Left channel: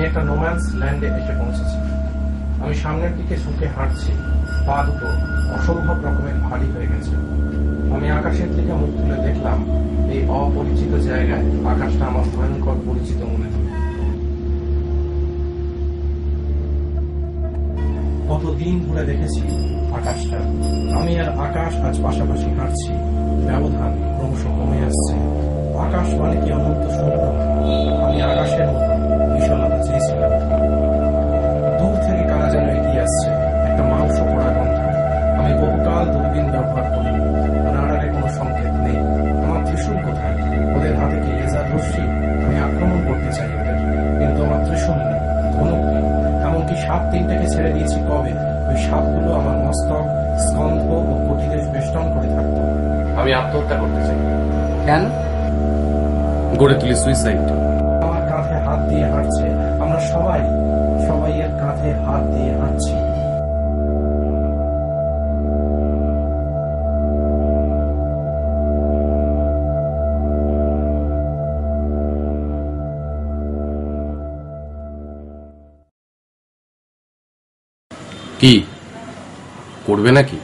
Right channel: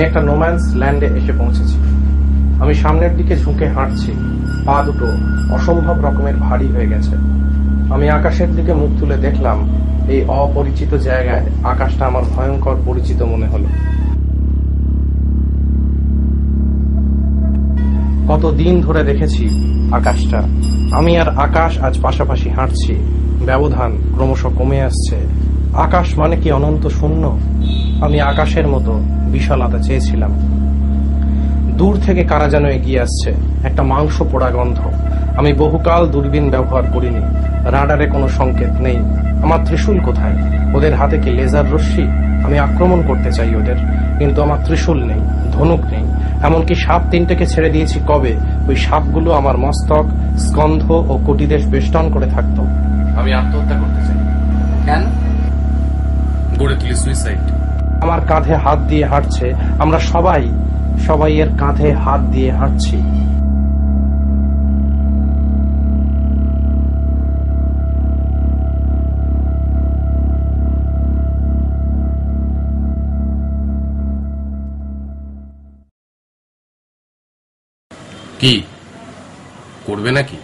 আমি একটা নোম্যান্স ল্যান্ডে এসে পৌঁছেছি। আমি সামনের দিকে ঝুঁকে হাঁটছি, পা দুটো অসম্ভব রকমের ভারী হয়ে গেছে। আমি আকাশের দিকে মুখ তুলে দেখলাম, এই অপরিচিত জায়গায় আকাশটা আমার ভয়ঙ্কর পরিচিত মনে হলো। কতদিন ধরে দেখেছি আকাশটা, আমি আর আকাশ আজ পাশাপাশি হাঁটছি, ব্যবধান ক্রমশ কমে আসছে। আকাশ মানে কি অনন্ত শূন্য? আমি আকাশের মতো বিশালতা চেয়েছিলাম। দূর থেকে কারা যেন এগিয়ে আসছে, একটা মাংস পোড়া গন্ধ। আমি বহুকাল দূরবীন ব্যবহার করিনি, রাডারে কোনো সংকেত নেই। আমার ত্রিশূল কোথায়? ওদের হাতে কি লেজার রশ্মি? আমি আক্রমণ করতে চাই ওদের, কিন্তু আমার ত্রিশূল নেই, ধনুক নেই। এমনকি সাপ তিনটেকে ছেড়ে দিয়েছি কবে, ওই সাপগুলো আমার মস্তক, স্কন্ধ ও কটিদেশ বেষ্টন করে থাকতো। আমি আত্মহত্যা করতে চাই। কেন? গড়ে তুলি সুইসাইড। আমার কাঁধে হাত দিয়ে হাঁটছে, আমরা সবাই এর কাঁধে হাত দিয়ে হাঁটছি। কি করবে নাকি?